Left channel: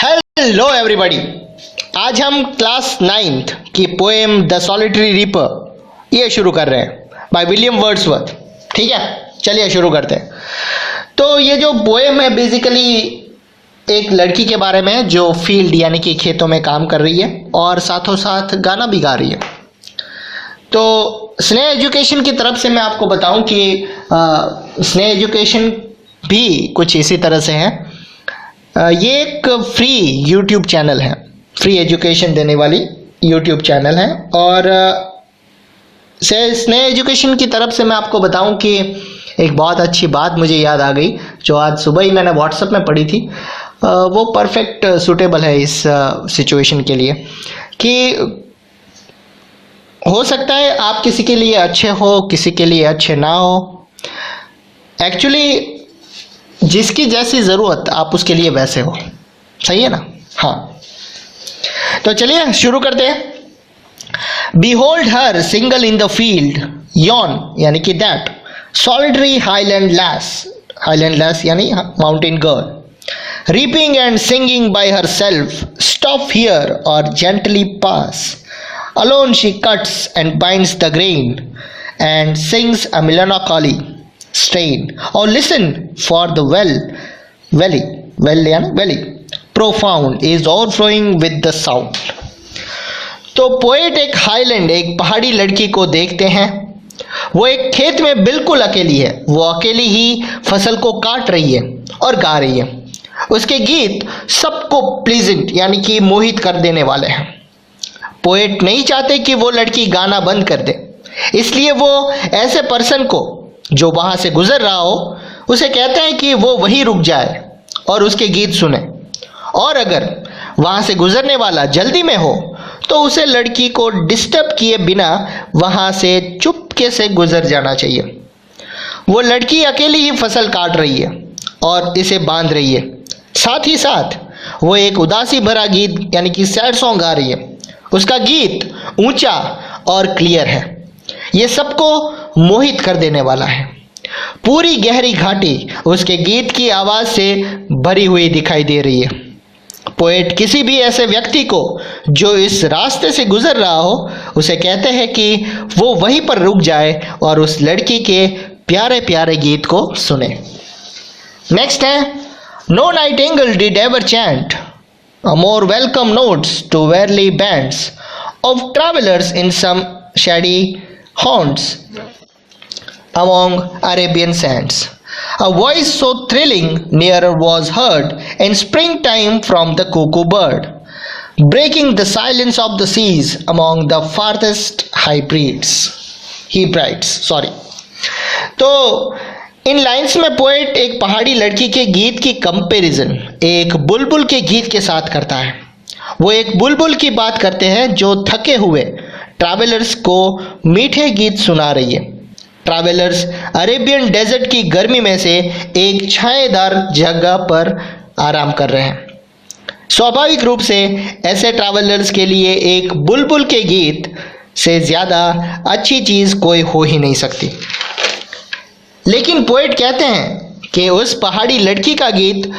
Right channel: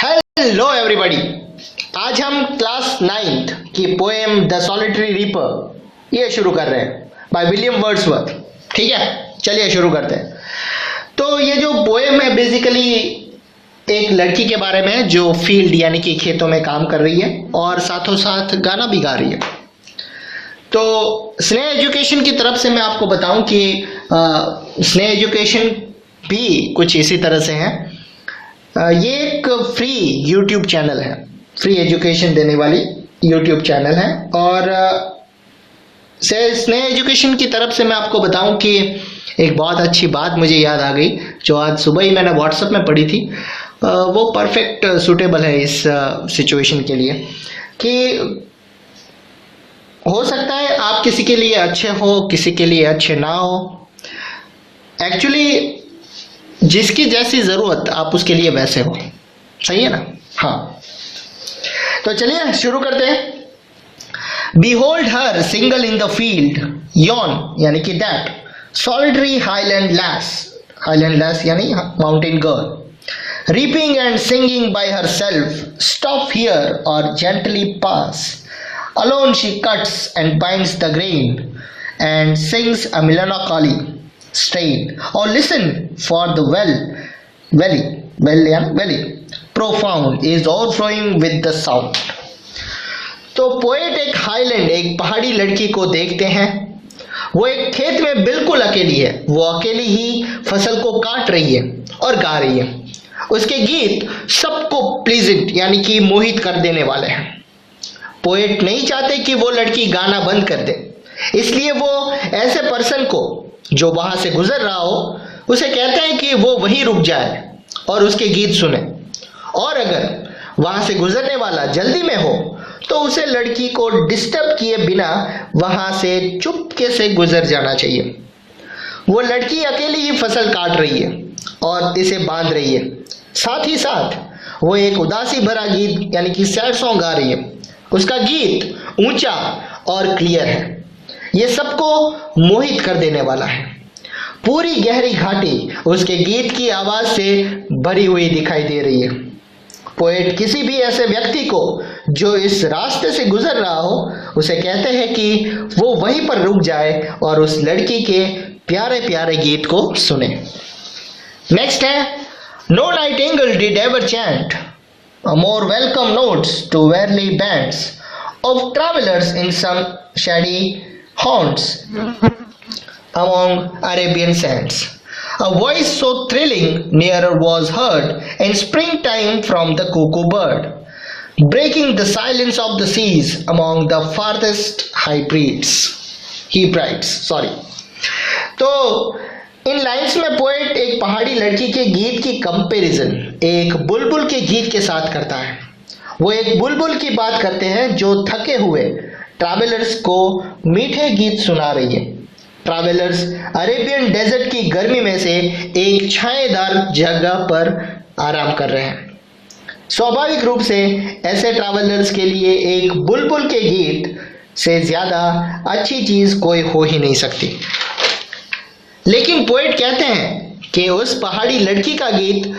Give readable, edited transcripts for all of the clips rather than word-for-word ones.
Hello everybody. आज हम class 9th की पोएम द सॉलिटरी रीपर ये शुरू कर रहे हैं बाय विलियम वर्ड्सवर्थ। ठीक है, चलिए शुरू करते हैं। तो ये जो पोएम है बेसिकली एक लड़की के बारे में है जो फील्ड यानी कि खेतों में काम कर रही है और साथों साथ गाना भी गा रही है। तो स्नेह एजुकेशन की तरफ से मैं आपको बताऊं कि स्नेह एजुकेशन भी कुछ इसी तरह से है। ये एक फ्री यूट्यूब चैनल है, फ्री एजुकेशन देने वाली यूट्यूब चैनल है। और स्नेह एजुकेशन की तरफ से मैं आपको बताऊं कि एक बहुत अच्छी बात मुझे याद आ गई जो आज सुबह ही मैंने व्हाट्सएप में पढ़ी थी। वो परफेक्ट सूटेबल है इस सिचुएशन के लिए कि हो सकता है आप किसी के लिए अच्छे हो, किसी के लिए अच्छे ना हो। एक्चुअली जिसकी जैसी ज़रूरत आप उसके लिए वैसे हो, सही है ना? हाँ, तो चलिए शुरू करते हैं। Behold her single in the field, yon यानी कि that, solitary highland lass यानी mountain girl, reaping and singing by herself, stop here or gently pass. Alone she cuts and binds the grain and sings a melancholy strain. Or listen for the valley profound is overflowing with the sound. तो poet एक highland, एक पहाड़ी लड़की को देखते हैं। वो एक खेत में बिल्कुल अकेली है, वो अकेली ही फसल को काट रही है और गा रही है। उसके गीत सबको प्लीजेंट यानी कि मोहित कर देने वाले हैं। पोएट नहीं चाहते कि वो लड़की गाना बंद कर दे, इसलिए वो ऐसे पर्सन को जो वहां से गुजर रहा हो उसे कहते हैं कि वो वहीं रुक जाए और उसके गीत सुने। और अगर वहां से गुजरने वाला जल्दी में हो तो उसे लड़की को डिस्टर्ब किए बिना वहां से चुपके से गुजर जाना चाहिए। वो लड़की अकेली ही फसल काट रही है और इसे बांध रही है। साथ ही साथ वो एक उदासी भरा गीत यानी कि सैड सॉन्ग गा रही है। उसका गीत ऊंचा और क्लियर है, ये सबको मोहित कर देने वाला है। पूरी गहरी घाटी उसके गीत की आवाज से भरी हुई दिखाई दे रही है। पोएट किसी भी ऐसे व्यक्ति को जो इस रास्ते से गुजर रहा हो उसे कहते हैं कि वो वहीं पर रुक जाए और उस लड़की के प्यारे प्यारे गीत को सुने। नेक्स्ट है, no nightingale did ever chant a more welcome notes to weary bands of travelers in some shady haunts among Arabian sands. A voice so thrilling nearer was heard in springtime from the cuckoo bird, breaking the silence of the seas among the farthest Hebrides. तो इन lines में poet एक पहाड़ी लड़की के गीत की comparison एक बुलबुल के गीत के साथ करता है। वो एक बुलबुल की बात करते हैं जो थके हुए ट्रैवलर्स को मीठे गीत सुना रही है। ट्रैवलर्स अरेबियन डेजर्ट की गर्मी में से एक छाएदार जगह पर आराम कर रहे हैं। स्वाभाविक रूप से ऐसे ट्रैवलर्स के लिए एक बुलबुल के गीत से ज़्यादा अच्छी चीज़ कोई हो ही नहीं सकती। लेकिन पोएट कहते हैं कि उस पहाड़ी लड़की का गीत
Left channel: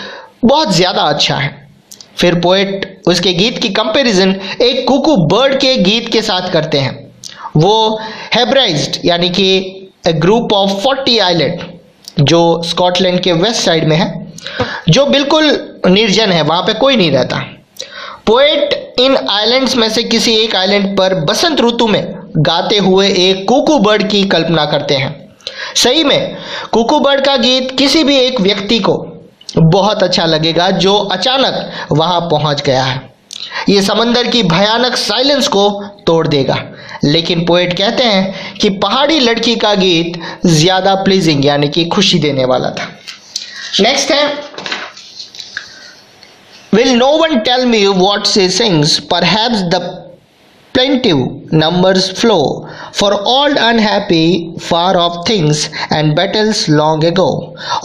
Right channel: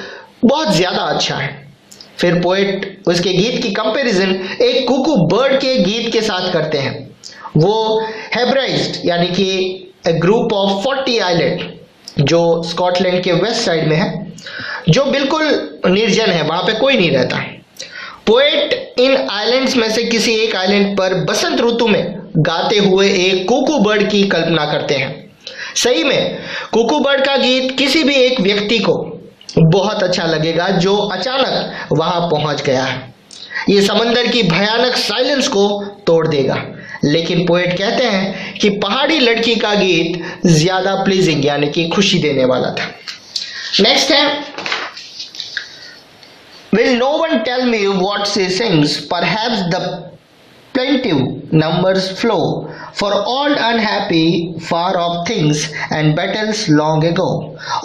बहुत ज़्यादा अच्छा है। फिर पोएट उसके गीत की कंपैरिजन एक कुकू बर्ड के गीत के साथ करते हैं। वो हेब्राइज्ड यानी कि ए ग्रुप ऑफ 40 आइलैंड जो स्कॉटलैंड के वेस्ट साइड में है, जो बिल्कुल निर्जन है, वहाँ पे कोई नहीं रहता। पोएट इन आइलैंड्स में से किसी एक आइलैंड पर बसंत ऋतु में गाते हुए एक कुकू बर्ड की कल्पना करते हैं। सही में कुकू बर्ड का गीत किसी भी एक व्यक्ति को बहुत अच्छा लगेगा जो अचानक वहां पहुंच गया है। ये समंदर की भयानक साइलेंस को तोड़ देगा। लेकिन पोएट कहते हैं कि पहाड़ी लड़की का गीत ज्यादा प्लीजिंग यानी कि खुशी देने वाला था। नेक्स्ट है, will no one tell me what she sings, perhaps the plaintive numbers flow for all unhappy far off things and battles long ago,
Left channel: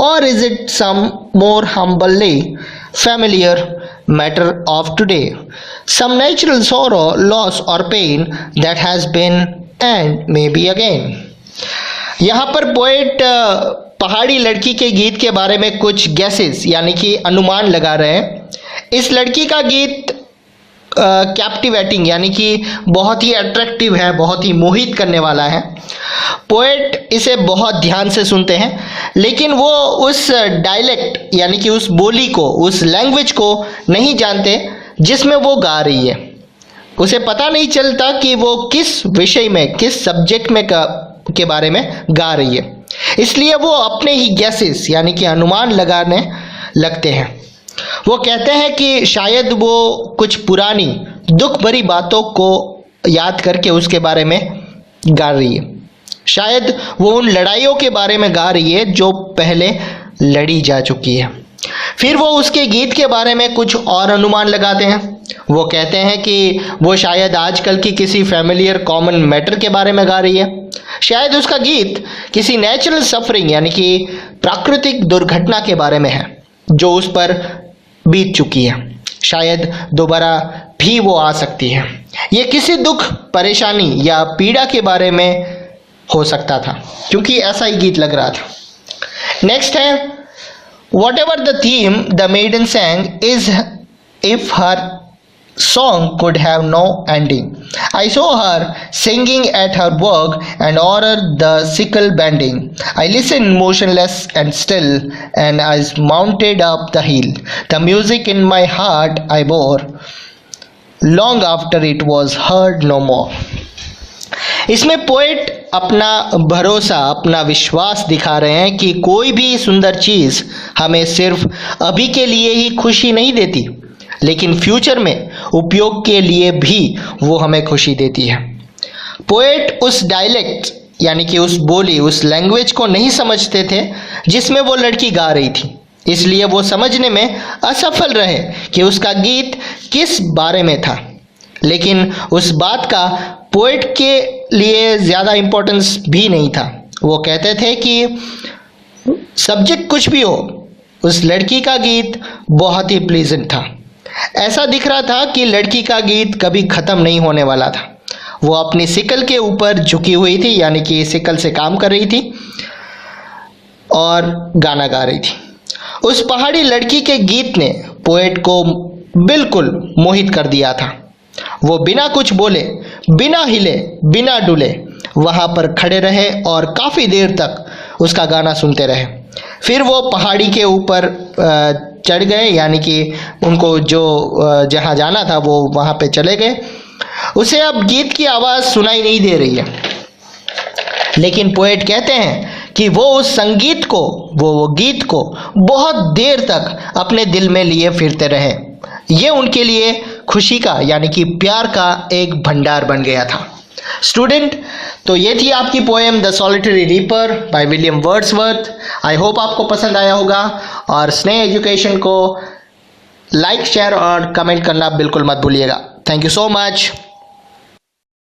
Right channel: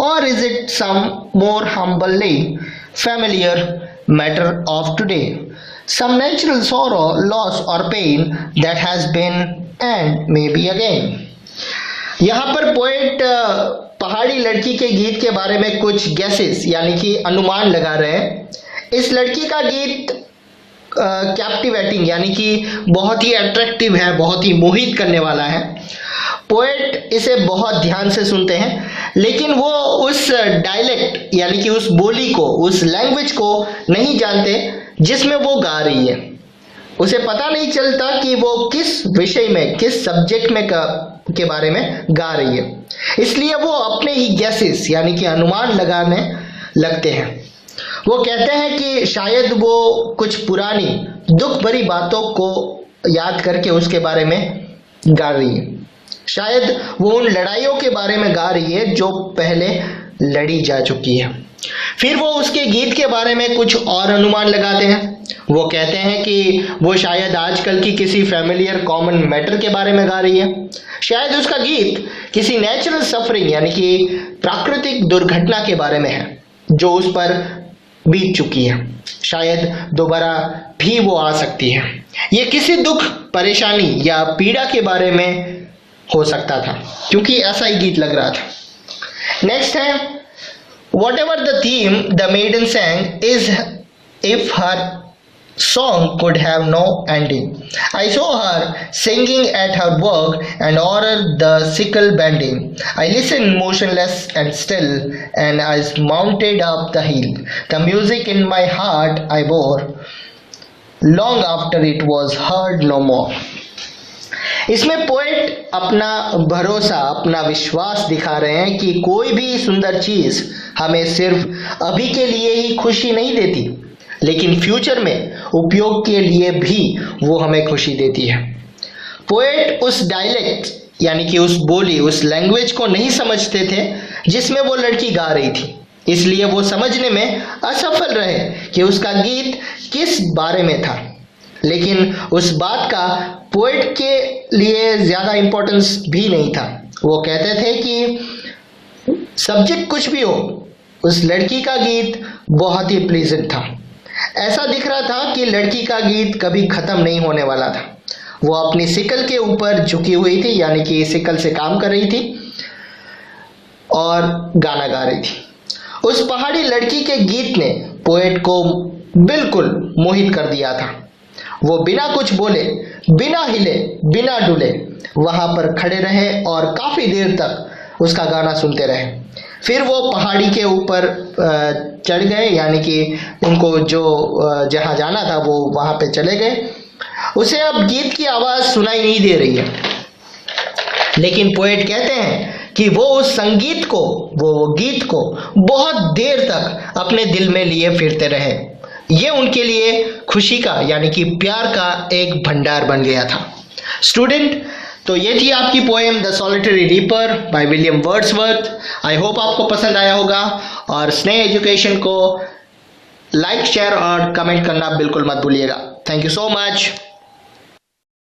or is it some more humbly familiar matter of today, some natural sorrow, loss or pain that has been and may be again. यहाँ पर poet पहाड़ी लड़की के गीत के बारे में कुछ गैसेस यानी कि अनुमान लगा रहे हैं। इस लड़की का गीत कैप्टिवेटिंग यानी कि बहुत ही अट्रैक्टिव है, बहुत ही मोहित करने वाला है। पोएट इसे बहुत ध्यान से सुनते हैं, लेकिन वो उस डायलेक्ट यानी कि उस बोली को, उस लैंग्वेज को नहीं जानते जिसमें वो गा रही है। उसे पता नहीं चलता कि वो किस विषय में, किस सब्जेक्ट में के बारे में गा रही है। इसलिए वो अपने ही गैसेस यानी कि अनुमान लगाने लगते हैं। वो कहते हैं कि शायद वो कुछ पुरानी दुख भरी बातों को याद करके उसके बारे में गा रही है। शायद वो उन लड़ाइयों के बारे में गा रही है जो पहले लड़ी जा चुकी है। फिर वो उसके गीत के बारे में कुछ और अनुमान लगाते हैं। वो कहते हैं कि वो शायद आजकल की किसी फैमिलियर कॉमन मैटर के बारे में गा रही है। शायद उसका गीत किसी नेचुरल सफरिंग यानी कि प्राकृतिक दुर्घटना के बारे में है जो उस पर बीत चुकी है। शायद दोबारा भी वो आ सकती है। ये किसी दुख, परेशानी या पीड़ा के बारे में हो सकता था, क्योंकि ऐसा ही गीत लग रहा था। नेक्स्ट है, whatever the theme the maiden sang is if her song could have no ending. I saw her singing at her work and ordered the sickle bending. I listened motionless and still, and I mounted up the hill. The music in my heart I bore long after it was heard no more. इसमें poet अपना भरोसा, अपना विश्वास दिखा रहे हैं कि कोई भी सुंदर चीज़ हमें सिर्फ अभी के लिए ही खुशी नहीं देती, लेकिन फ्यूचर में उपयोग के लिए भी वो हमें खुशी देती है। पोएट उस डायलेक्ट यानी कि उस बोली, उस लैंग्वेज को नहीं समझते थे जिसमें वो लड़की गा रही थी। इसलिए वो समझने में असफल रहे कि उसका गीत किस बारे में था। लेकिन उस बात का पोएट के लिए ज़्यादा इम्पोर्टेंस भी नहीं था। वो कहते थे कि सब्जेक्ट कुछ भी हो, उस लड़की का गीत बहुत ही प्लीजेंट था। ऐसा दिख रहा था कि लड़की का गीत कभी ख़त्म नहीं होने वाला था। वो अपनी सिकल के ऊपर झुकी हुई थी, यानी कि सिकल से काम कर रही थी और गाना गा रही थी। उस पहाड़ी लड़की के गीत ने पोएट को बिल्कुल मोहित कर दिया था। वो बिना कुछ बोले, बिना हिले, बिना डुले वहाँ पर खड़े रहे और काफ़ी देर तक उसका गाना सुनते रहे। फिर वो पहाड़ी के ऊपर चढ़ गए, यानी कि उनको जो जहाँ जाना था वो वहाँ पे चले गए। उसे अब गीत की आवाज़ सुनाई नहीं दे रही है, लेकिन पोएट कहते हैं कि वो उस संगीत को, वो गीत को बहुत देर तक अपने दिल में लिए फिरते रहे। ये उनके लिए खुशी का यानी कि प्यार का एक भंडार बन गया था। स्टूडेंट, तो ये थी आपकी poem the solitary reaper by William Wordsworth. I hope आपको पसंद आया होगा, और स्नेह एजुकेशन को लाइक, शेयर और कमेंट करना बिल्कुल मत भूलिएगा। Thank you so much.